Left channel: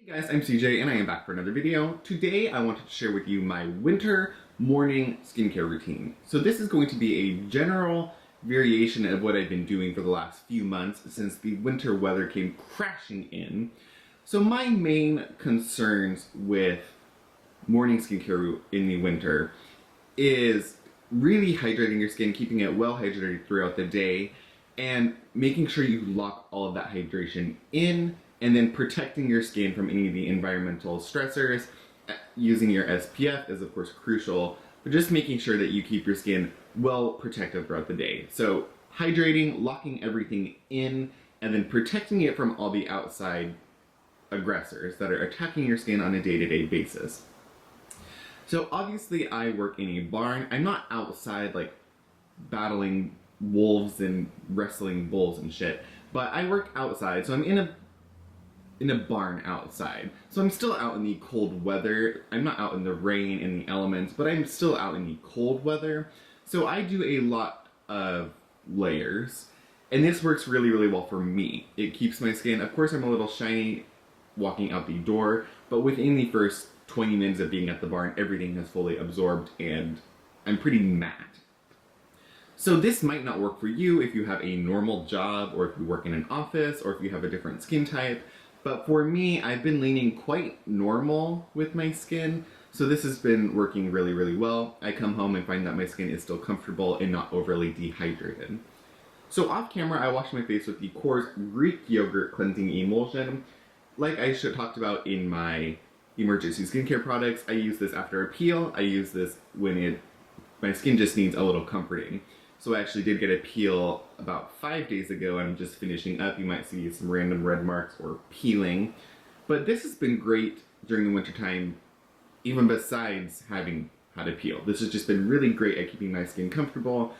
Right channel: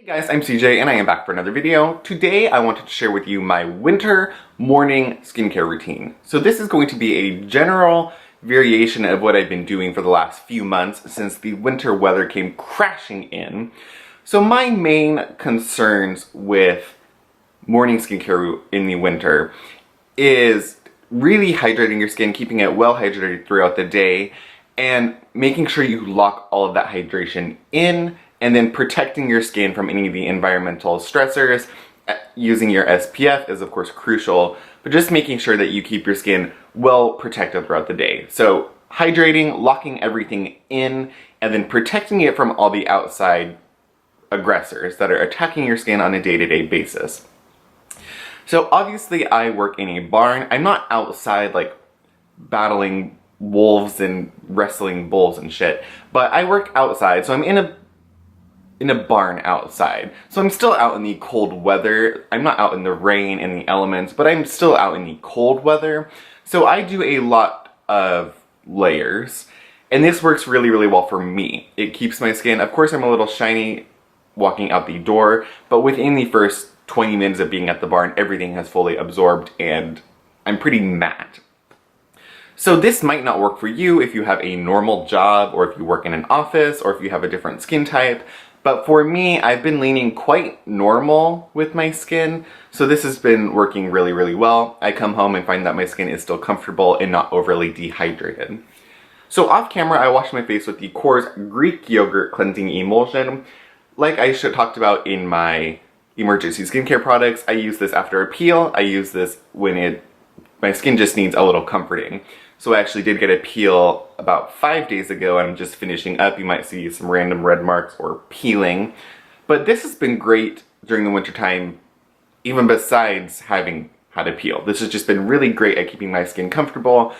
Hey guys, I'm CJ and I am back for another video. Today I wanted to share with you my winter morning skincare routine. So this is going to be a general variation of what I've been doing for the last few months since the winter weather came crashing in. So my main concerns with morning skincare in the winter is really hydrating your skin, keeping it well hydrated throughout the day, and making sure you lock all of that hydration in, and then protecting your skin from any of the environmental stressors. Using your SPF is of course crucial, but just making sure that you keep your skin well protected throughout the day. So hydrating, locking everything in, and then protecting it from all the outside aggressors that are attacking your skin on a day-to-day basis. So obviously I work in a barn. I'm not outside like battling wolves and wrestling bulls and shit, but I work outside, so I'm in a barn outside. So I'm still out in the cold weather. I'm not out in the rain and the elements, but I'm still out in the cold weather. So I do a lot of layers, and this works really, really well for me. It keeps my skin, of course I'm a little shiny walking out the door, but within the first 20 minutes of being at the barn, everything has fully absorbed and I'm pretty matte. So this might not work for you if you have a normal job, or if you work in an office, or if you have a different skin type. But for me, I've been leaning quite normal with my skin, so this has been working really, really well. I come home and find that my skin is still comfortable and not overly dehydrated. So off camera, I wash my face with the Korres Greek Yogurt Cleansing Emulsion. Like I talked about in my emergency skincare products, I use this after a peel. I use this when my skin just needs a little comforting. So I actually did get a peel about 5 days ago, and I'm just finishing up. You might see some random red marks or peeling. But this has been great during the winter time, even besides having had a peel. This has just been really great at keeping my skin comfortable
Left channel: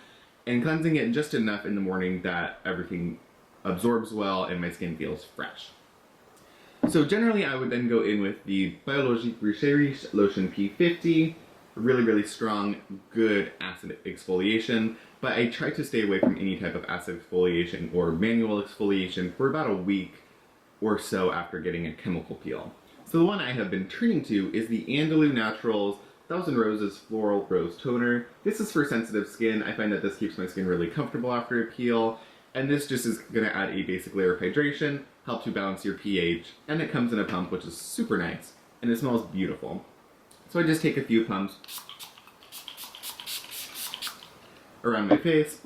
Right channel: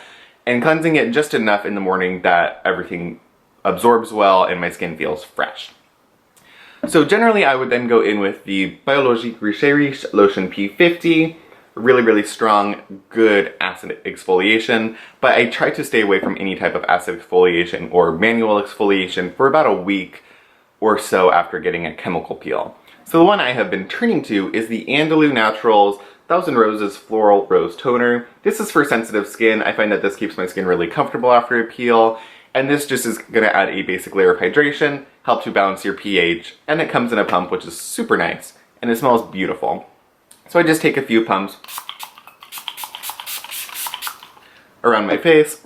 and cleansing it just enough in the morning that everything absorbs well and my skin feels fresh. So generally I would then go in with the Biologique Recherche Lotion P50. Really, really strong, good acid exfoliation, but I try to stay away from any type of acid exfoliation or manual exfoliation for about a week or so after getting a chemical peel. So the one I have been turning to is the Andalou Naturals 1000 Roses Floral Rose Toner. This is for sensitive skin. I find that this keeps my skin really comfortable after a peel, and this just is going to add a basic layer of hydration, help to balance your pH, and it comes in a pump, which is super nice, and it smells beautiful. So I just take a few pumps around my face,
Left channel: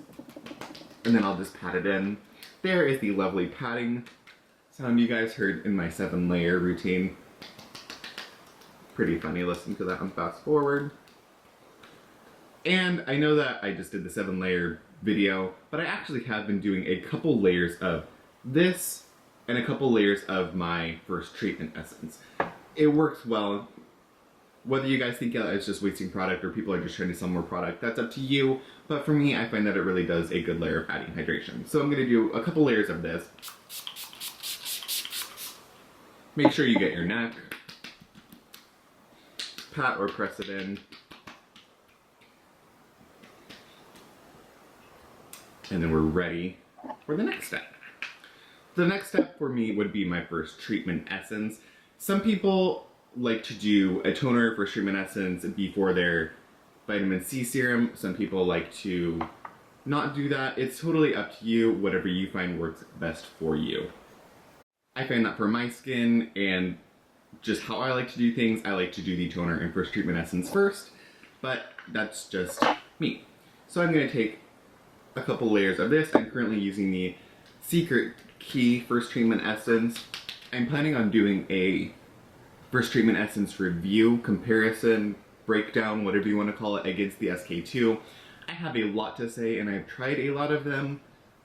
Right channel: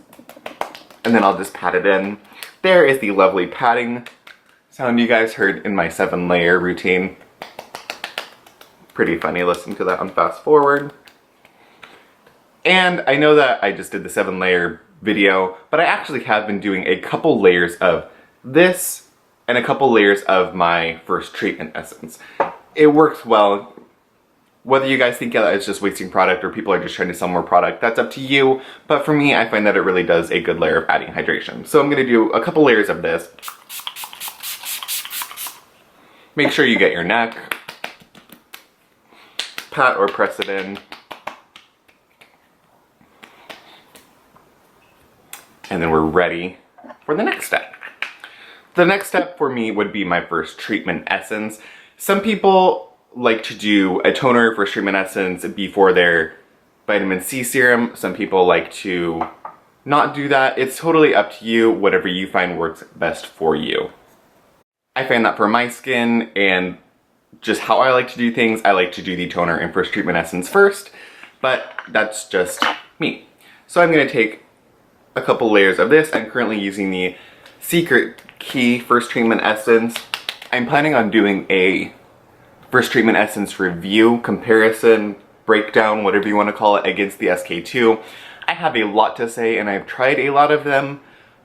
and then I'll just pat it in. There is the lovely patting sound you guys heard in my 7-layer routine. Pretty funny listening to that on fast forward. And I know that I just did the 7-layer video, but I actually have been doing a couple layers of this and a couple layers of my first treatment essence. It works well. Whether you guys think that it's just wasting product or people are just trying to sell more product, that's up to you. But for me, I find that it really does a good layer of adding hydration. So I'm going to do a couple layers of this. Make sure you get your neck. Pat or press it in. And then we're ready for the next step. The next step for me would be my first treatment essence. Some people like to do a toner for treatment essence before their vitamin C serum. Some people like to not do that. It's totally up to you, whatever you find works best for you. I find that for my skin and just how I like to do things, I like to do the toner and first treatment essence first, but that's just me. So I'm going to take a couple layers of this. I'm currently using the Secret Key first treatment essence. I'm planning on doing a first treatment essence review, comparison, breakdown, whatever you want to call it, against the SK2. I have a lot to say and I've tried a lot of them,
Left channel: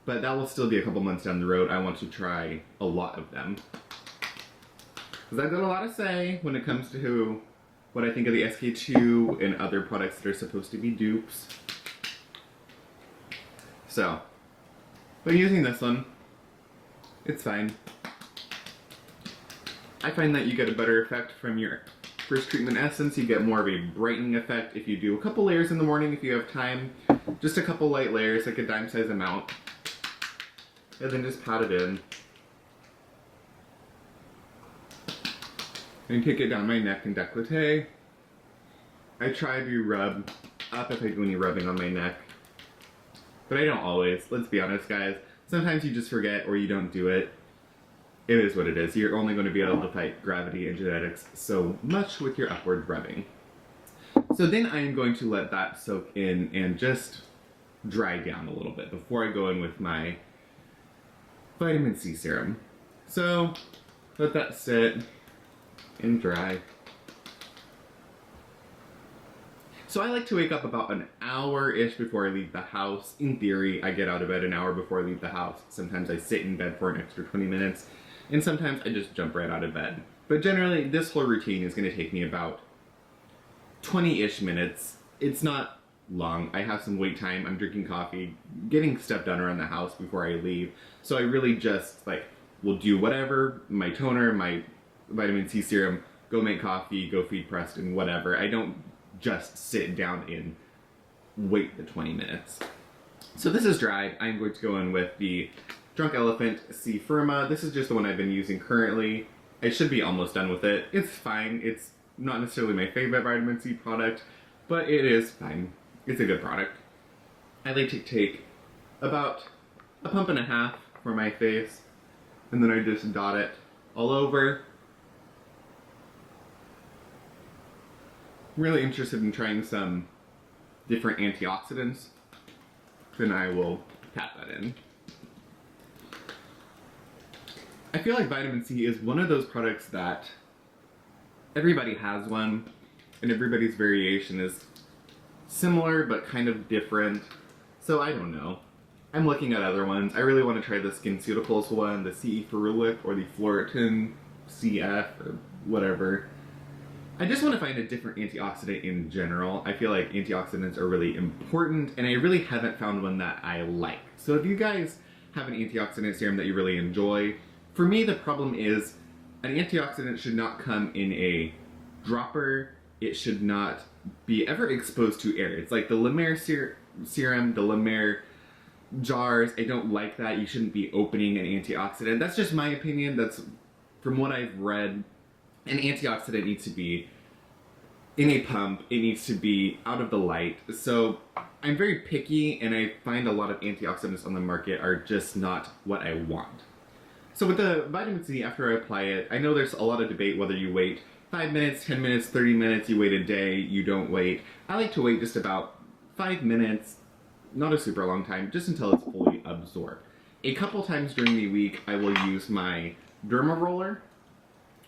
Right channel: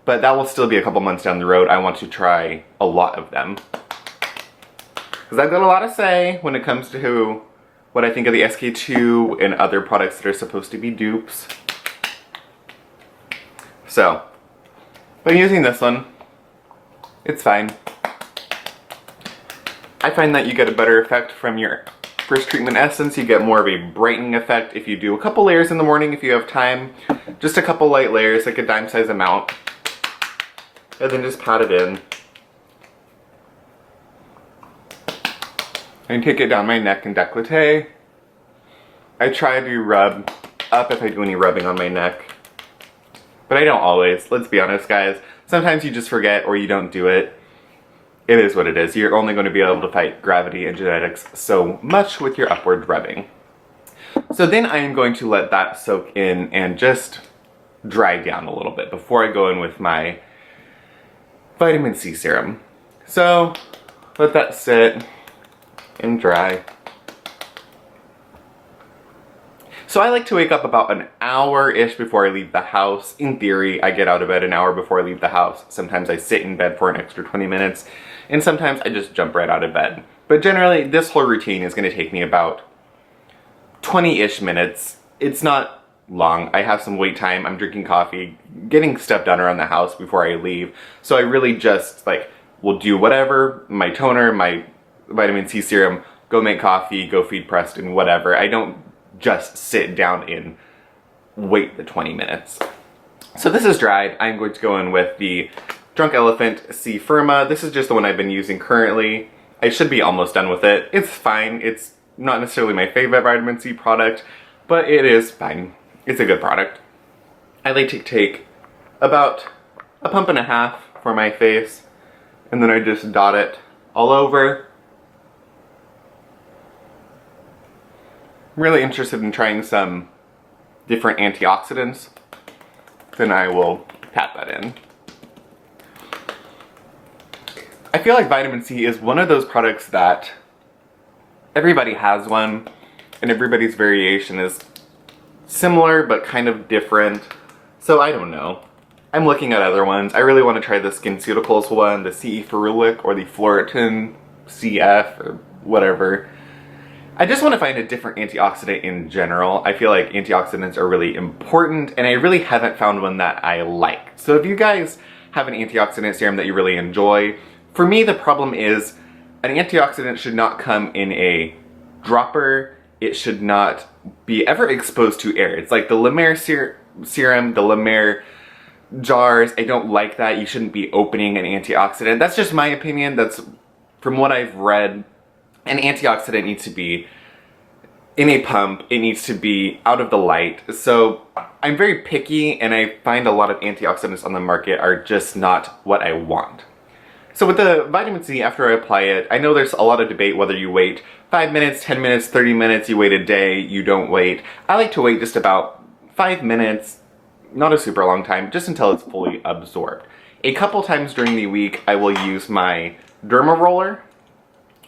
but that will still be a couple months down the road. I want to try a lot of them, because I've got a lot to say when it comes to what I think of the SK2 and other products that are supposed to be dupes. So, but I'm using this one. It's fine. I find that you get a better effect from your first treatment essence. You get more of a brightening effect if you do a couple layers in the morning if you have time. Just a couple light layers, like a dime size amount. And then just pat it in. I take it down my neck and décolleté. I try to rub up if I do any rubbing on my neck. But I don't always, let's be honest guys. Sometimes you just forget or you don't do it. It is what it is. You're only going to be able to fight gravity and genetics so much with your upward rubbing. So then I am going to let that soak in and just dry down a little bit before I go in with my vitamin C serum. So let that sit and dry. So I like to wake up about an hour-ish before I leave the house. In theory, I get out of bed an hour before I leave the house. Sometimes I sit in bed for an extra 20 minutes, and sometimes I just jump right out of bed. But generally, this whole routine is going to take me about 20-ish minutes. It's not long. I have some wait time. I'm drinking coffee, getting stuff done around the house before I leave. So I really just, like, will do whatever, my toner, my vitamin C serum, go make coffee, go feed Preston, whatever. I don't just sit down and wait the 20 minutes. So this is dried. I'm going to go in with the Drunk Elephant C-Firma. This is just the one I've been using currently. I should be almost done with it. It's fine. It's not necessarily my favorite vitamin C product, but it is fine. It's a good product. I like to take about a pump and a half for my face, and then I just dot it all over. I'm really interested in trying some different antioxidants. Then I will pat that in. I feel like vitamin C is one of those products that everybody has one, and everybody's variation is similar but kind of different. So I don't know. I'm looking at other ones. I really want to try the SkinCeuticals one, the C-Ferulic or the Floratin CF or whatever. I just want to find a different antioxidant in general. I feel like antioxidants are really important, and I really haven't found one that I like. So if you guys have an antioxidant serum that you really enjoy, for me the problem is an antioxidant should not come in a dropper. It should not be ever exposed to air. It's like the La Mer serum, the La Mer jars. I don't like that. You shouldn't be opening an antioxidant. That's just my opinion. That's from what I've read. An antioxidant needs to be in a pump. It needs to be out of the light. So I'm very picky, and I find a lot of antioxidants on the market are just not what I want. So with the vitamin C, after I apply it, I know there's a lot of debate whether you wait 5 minutes, 10 minutes, 30 minutes, you wait a day, you don't wait. I like to wait just about 5 minutes, not a super long time, just until it's fully absorbed. A couple times during the week, I will use my derma roller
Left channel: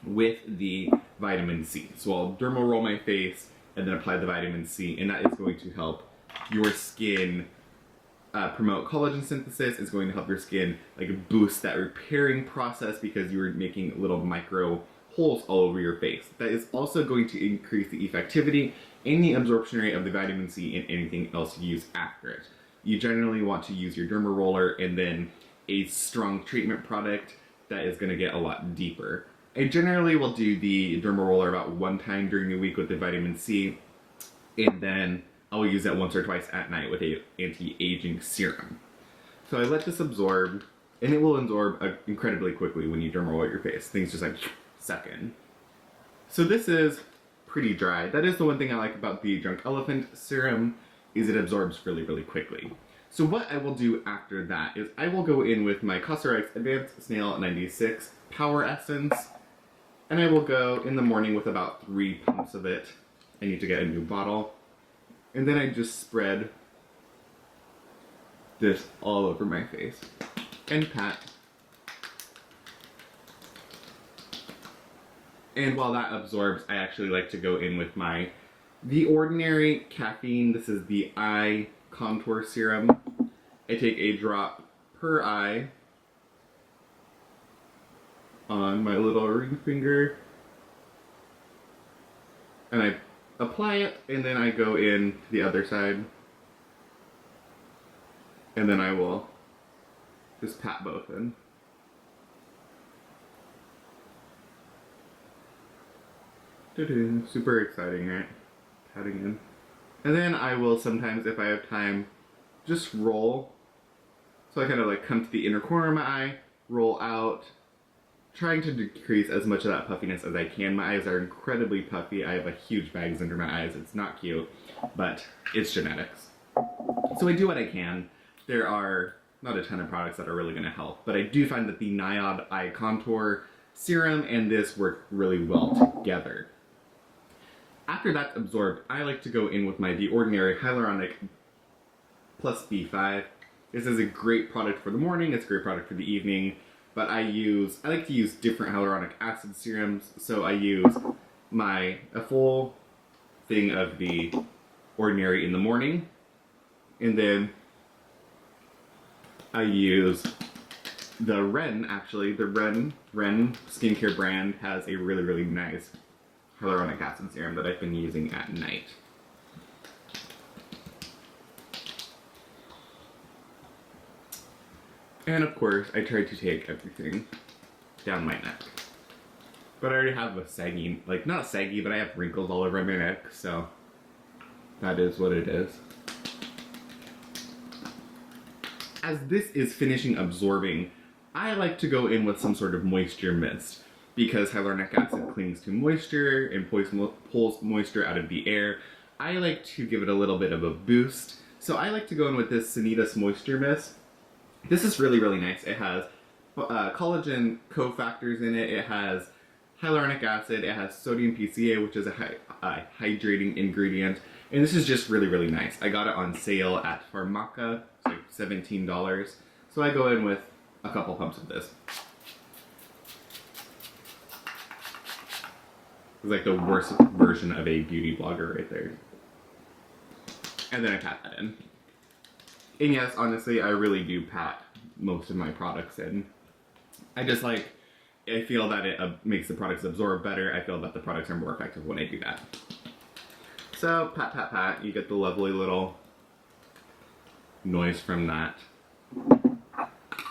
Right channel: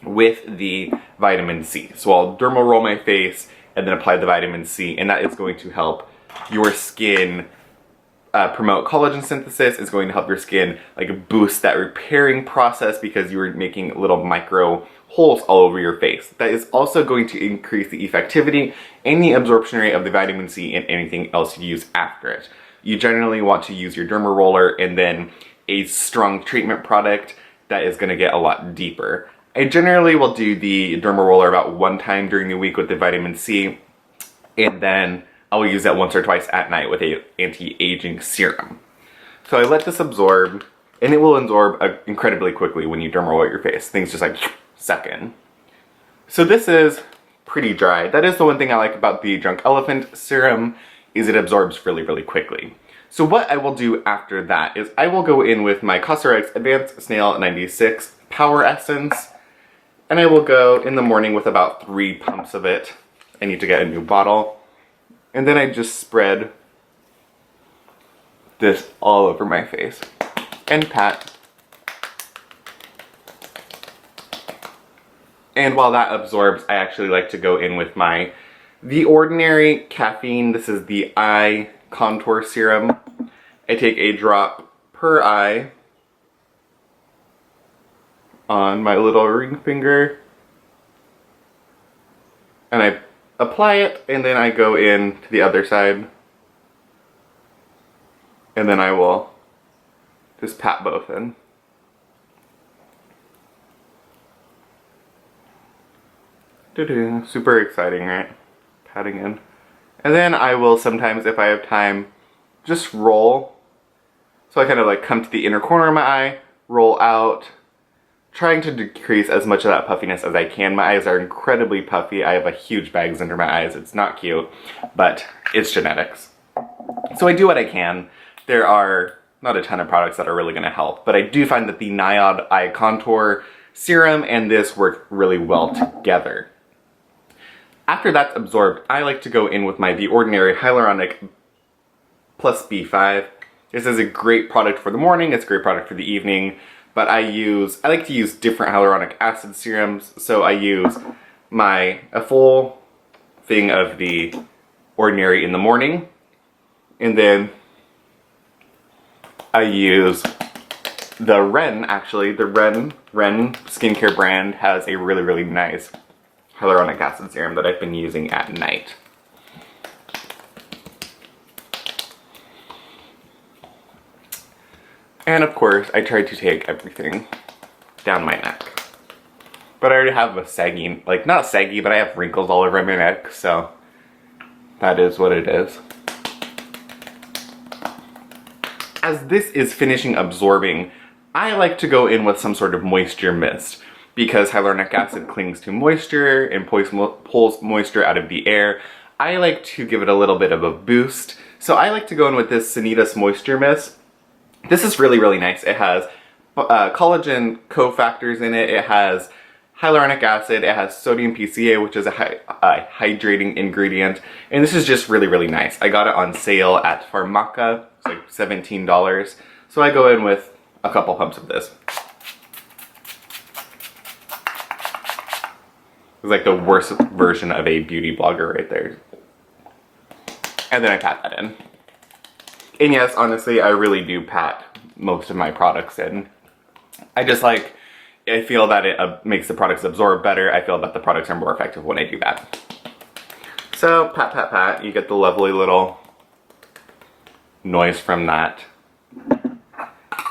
with the vitamin C. So I'll derma roll my face and then apply the vitamin C, and that is going to help your skin promote collagen synthesis. It's going to help your skin like boost that repairing process because you're making little micro holes all over your face. That is also going to increase the effectivity and the absorption rate of the vitamin C and anything else you use after it. You generally want to use your derma roller and then a strong treatment product that is going to get a lot deeper. I generally will do the derma roller about 1 time during the week with the vitamin C, and then I will use that once or twice at night with a anti-aging serum. So I let this absorb, and it will absorb incredibly quickly when you derma roll your face. Things just like suck in. So this is pretty dry. That is the one thing I like about the Drunk Elephant serum, is it absorbs really, really quickly. So what I will do after that is I will go in with my Cosrx Advanced Snail 96 Power Essence, and I will go in the morning with about 3 pumps of it. I need to get a new bottle. And then I just spread this all over my face and pat. And while that absorbs, I actually like to go in with The Ordinary Caffeine. This is the eye contour serum. I take a drop per eye on my little ring finger, and I apply it, and then I go in to the other side, and then I will just pat both in. Super exciting, right? Patting in. And then I will sometimes, if I have time, just roll. So I kind of like come to the inner corner of my eye, roll out, trying to decrease as much of that puffiness as I can. My eyes are incredibly puffy. I have a huge bags under my eyes. It's not cute, but it's genetics. So I do what I can. There are not a ton of products that are really going to help, but I do find that the Niod Eye Contour Serum and this work really well together. After that's absorbed, I like to go in with my The Ordinary Hyaluronic plus B5. This is a great product for the morning, it's a great product for the evening, but I like to use different hyaluronic acid serums, so I use a full thing of The Ordinary in the morning, and then I use the Ren, actually. The Ren skincare brand has a really, really nice hyaluronic acid serum that I've been using at night. And of course, I try to take everything down my neck. But I already have a sagging, like not saggy, but I have wrinkles all over my neck, so that is what it is. As this is finishing absorbing, I like to go in with some sort of moisture mist because hyaluronic acid clings to moisture and pulls moisture out of the air. I like to give it a little bit of a boost, so I like to go in with this Sanitas Moisture Mist. This is really, really nice. It has collagen cofactors in it. It has hyaluronic acid. It has sodium PCA, which is a hydrating ingredient. And this is just really, really nice. I got it on sale at Pharmaca. It's like $17. So I go in with a couple pumps of this. It's like the worst version of a beauty blogger right there. And then I pat that in. And yes, honestly, I really do pat most of my products in. I feel that it makes the products absorb better. I feel that the products are more effective when I do that. So, pat, pat, pat, you get the lovely little noise from that.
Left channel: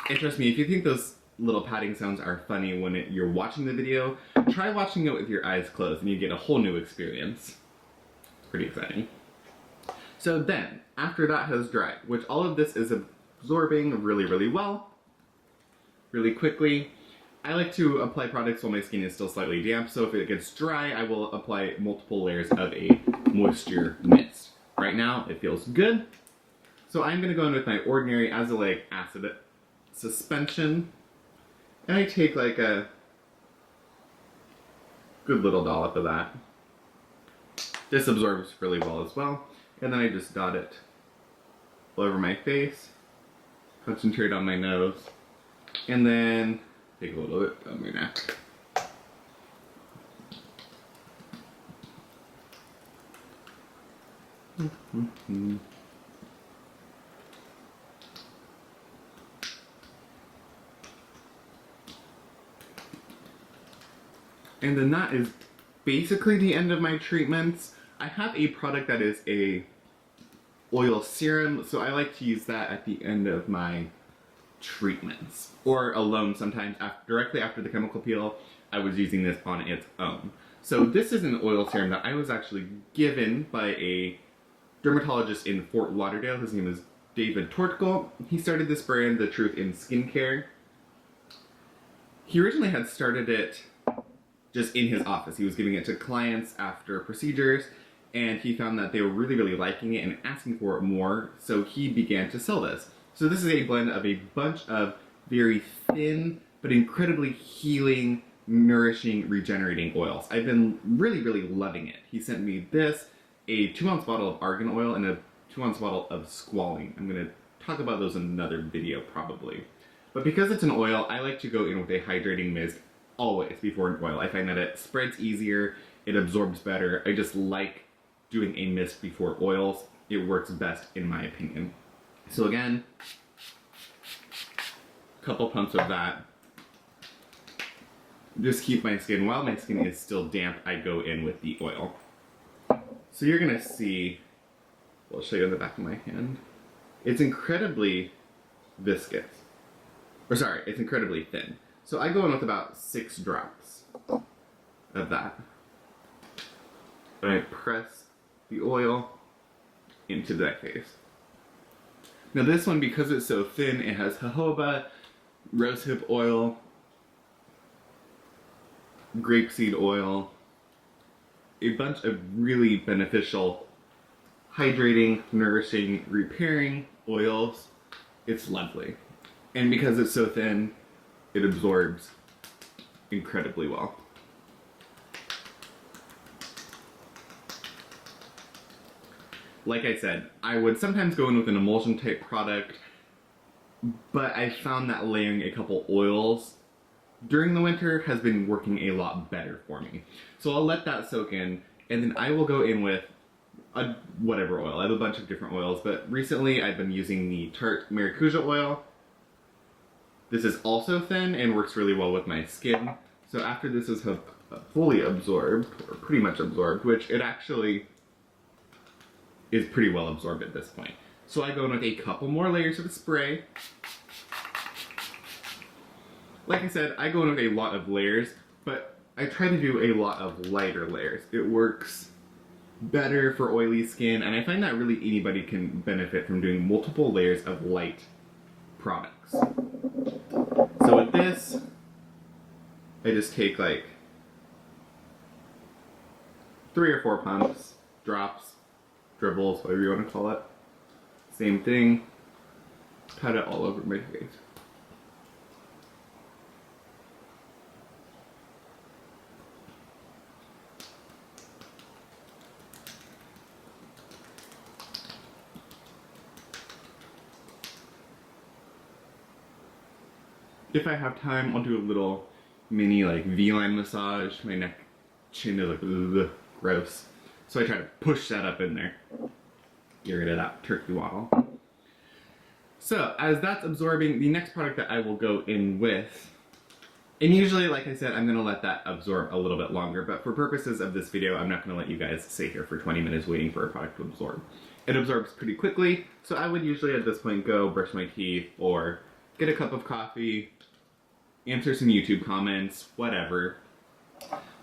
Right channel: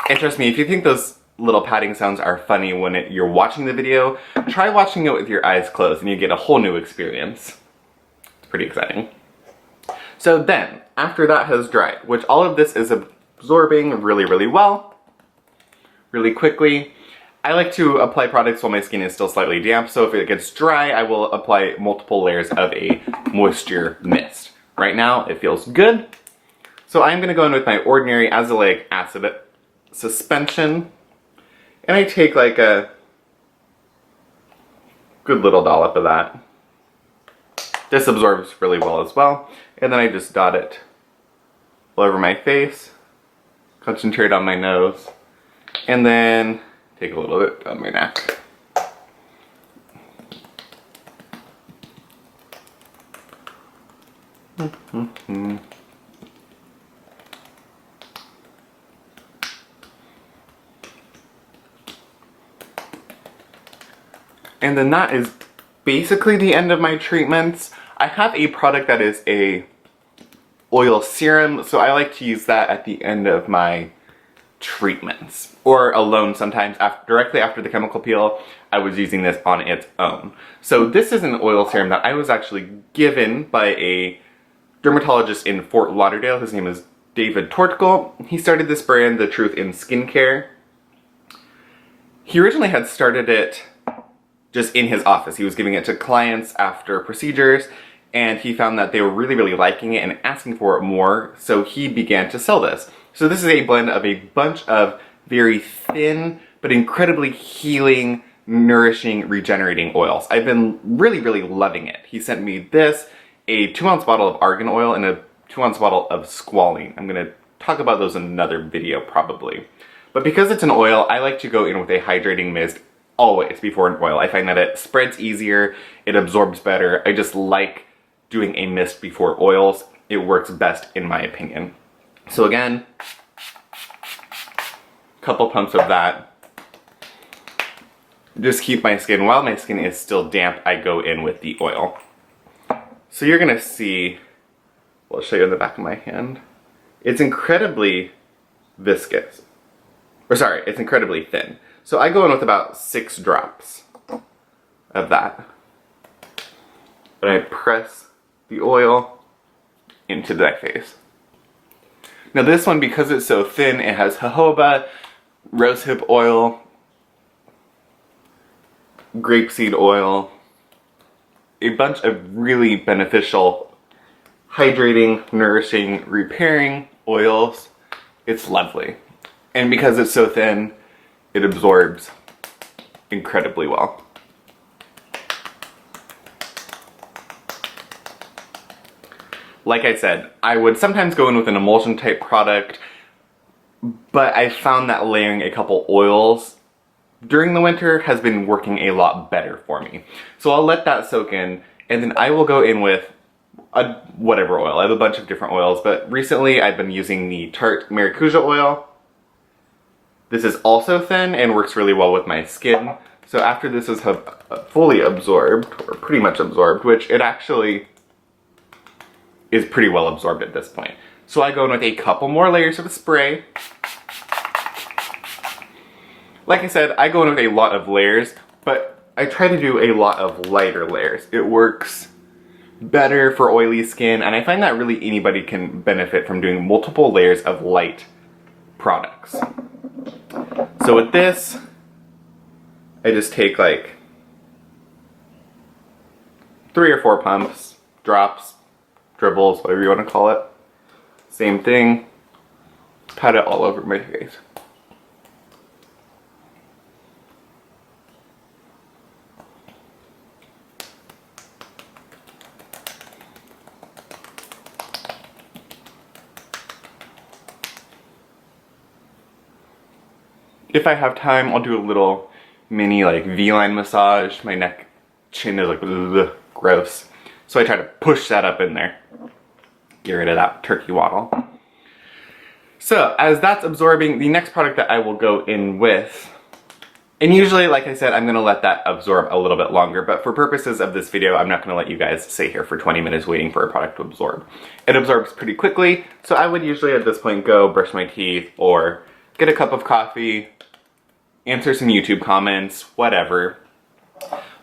And trust me, if you think those little patting sounds are funny when you're watching the video, try watching it with your eyes closed and you get a whole new experience. It's pretty exciting. So then, after that has dried, which all of this is absorbing really, really well, really quickly, I like to apply products while my skin is still slightly damp, so if it gets dry, I will apply multiple layers of a moisture mist. Right now, it feels good. So I'm gonna go in with my Ordinary Azelaic Acid Suspension, and I take like a good little dollop of that. This absorbs really well as well. And then I just dot it all over my face, concentrate on my nose, and then take a little bit on my neck. And then that is basically the end of my treatments. I have a product that is a oil serum, so I like to use that at the end of my treatments. Or alone sometimes, directly after the chemical peel, I was using this on its own. So this is an oil serum that I was actually given by a dermatologist in Fort Lauderdale. His name is David Tortkel. He started this brand, The Truth in Skincare. He originally had started it just in his office. He was giving it to clients after procedures, and he found that they were really, really liking it and asking for it more, so he began to sell this. So this is a blend of a bunch of very thin, but incredibly healing, nourishing, regenerating oils. I've been really, really loving it. He sent me this, a 2-ounce bottle of argan oil, and a 2-ounce bottle of squalene. I'm gonna talk about those in another video, probably. But because it's an oil, I like to go in with a hydrating mist always before an oil. I find that it spreads easier, it absorbs better. I just like doing a mist before oils. It works best in my opinion. So again, couple pumps of that. Just keep my skin, while my skin is still damp, I go in with the oil. So you're gonna see, I'll show you on the back of my hand. It's incredibly viscous. Or sorry, it's incredibly thin. So I go in with about 6 drops of that. And I press the oil into my face. Now this one, because it's so thin, it has jojoba, rosehip oil, grapeseed oil, a bunch of really beneficial, hydrating, nourishing, repairing oils. It's lovely. And because it's so thin, it absorbs incredibly well. Like I said, I would sometimes go in with an emulsion type product, but I found that layering a couple oils during the winter has been working a lot better for me. So I'll let that soak in, and then I will go in with whatever oil. I have a bunch of different oils, but recently I've been using the Tarte Maracuja oil. This is also thin and works really well with my skin. So after this is fully absorbed, or pretty much absorbed, which it actually is pretty well absorbed at this point. So I go in with a couple more layers of the spray. Like I said, I go in with a lot of layers, but I try to do a lot of lighter layers. It works better for oily skin, and I find that really anybody can benefit from doing multiple layers of light products. So with this, I just take like 3 or 4 pumps, drops, dribbles, whatever you want to call it. Same thing, pat it all over my face. If I have time, I'll do a little mini like V-line massage. My neck, chin is like ugh, gross. So I try to push that up in there. Get rid of that turkey waddle. So as that's absorbing, the next product that I will go in with, and usually, like I said, I'm gonna let that absorb a little bit longer, but for purposes of this video, I'm not gonna let you guys sit here for 20 minutes waiting for a product to absorb. It absorbs pretty quickly, so I would usually at this point go brush my teeth or get a cup of coffee, answer some YouTube comments, whatever.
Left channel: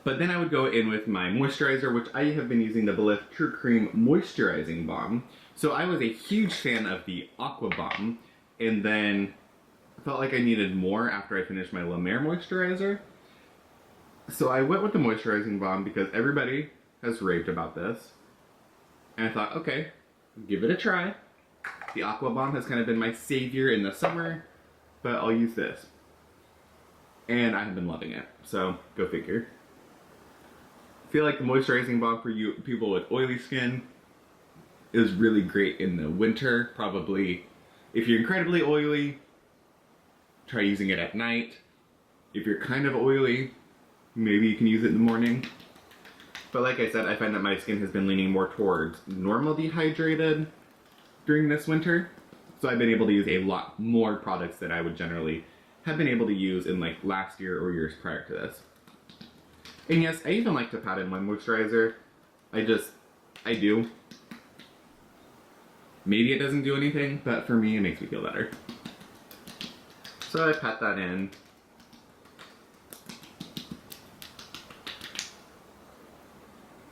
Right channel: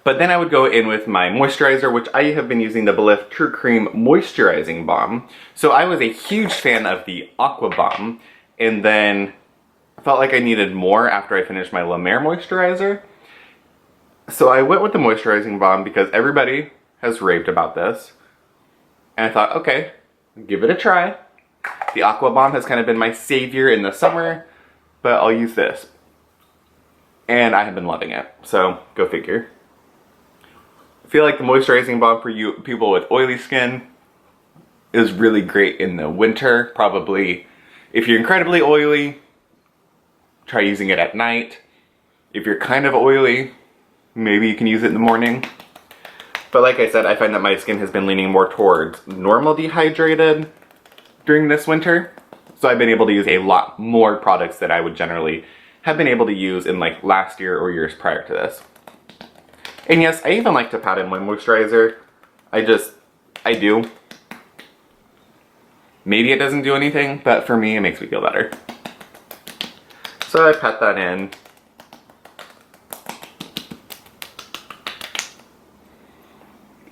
But then I would go in with my moisturizer, which I have been using the Belif True Cream Moisturizing Balm. So I was a huge fan of the Aqua Balm, and then I felt like I needed more after I finished my La Mer moisturizer. So I went with the moisturizing balm because everybody has raved about this. And I thought, okay, give it a try. The Aqua Balm has kind of been my savior in the summer, but I'll use this. And I have been loving it, so go figure. I feel like the moisturizing balm for you people with oily skin is really great in the winter. Probably if you're incredibly oily, try using it at night. If you're kind of oily, maybe you can use it in the morning. But like I said, I find that my skin has been leaning more towards normal dehydrated during this winter. So I've been able to use a lot more products that I would generally have been able to use in like last year or years prior to this. And yes, I even like to pat in my moisturizer. I do. Maybe it doesn't do anything, but for me it makes me feel better. So I pat that in.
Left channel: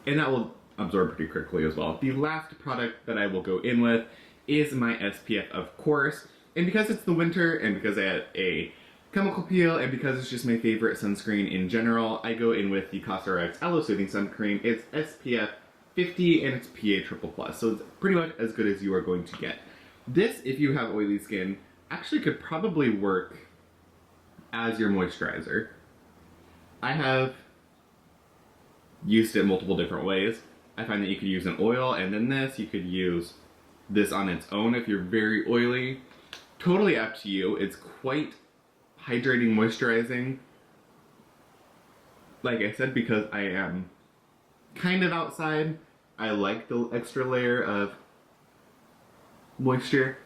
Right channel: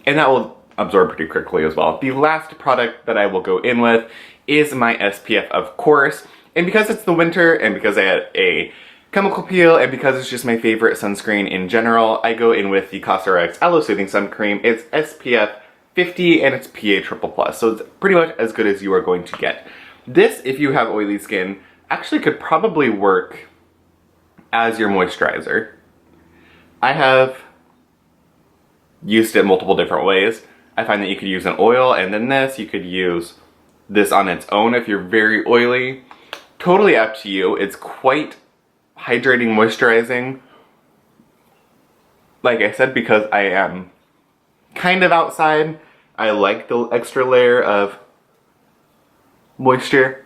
And that will absorb pretty quickly as well. The last product that I will go in with is my SPF of Korres. And because it's the winter, and because I had a chemical peel, and because it's just my favorite sunscreen in general, I go in with the Cosrx Aloe Soothing Sun Cream. It's SPF 50 and it's PA+++, so it's pretty much as good as you are going to get. This, if you have oily skin, actually could probably work as your moisturizer. I have used it multiple different ways. I find that you could use an oil and then this. You could use this on its own if you're very oily. Totally up to you. It's quite hydrating, moisturizing. Like I said, because I am kind of outside, I like the extra layer of moisture.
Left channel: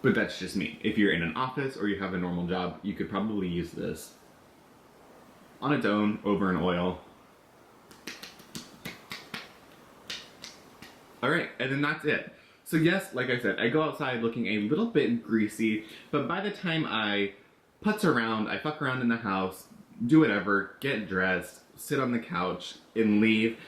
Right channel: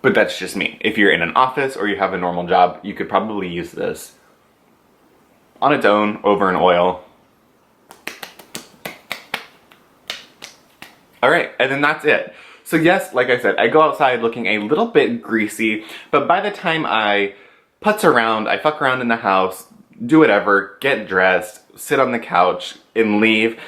But that's just me. If you're in an office or you have a normal job, you could probably use this on its own over an oil. Alright, and then that's it. So yes, like I said, I go outside looking a little bit greasy, but by the time I putz around, I fuck around in the house, do whatever, get dressed, sit on the couch, and leave,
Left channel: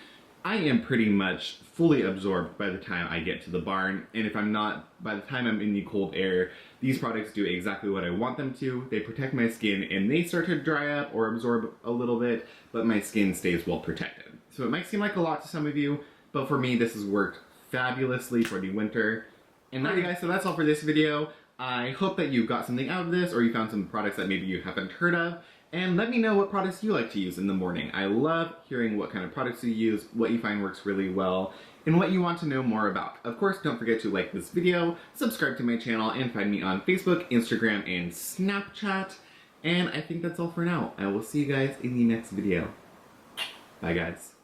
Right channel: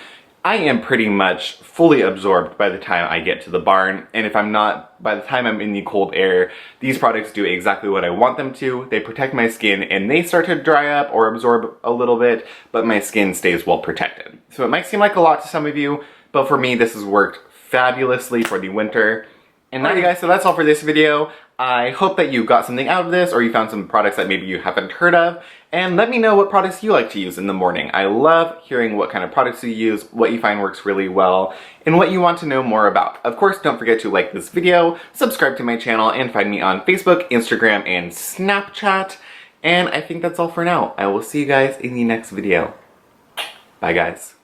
I am pretty much fully absorbed by the time I get to the barn, and if I'm not, by the time I'm in the cold air, these products do exactly what I want them to. They protect my skin and they start to dry up or absorb a little bit, but my skin stays well protected. So it might seem like a lot to some of you, but for me this has worked fabulously for the winter. And alright guys, so that's all for this video. I hope that you got something out of this, or you found some products that maybe you haven't heard of, and let me know what products you like to use in the morning. I love hearing what kind of products you use, what you find works really well, and what you want to know more about. Of course, don't forget to like this video, subscribe to my channel, and find me on Facebook, Instagram, and Snapchat. And I think that's all for now. I will see you guys in the next video. Bye guys.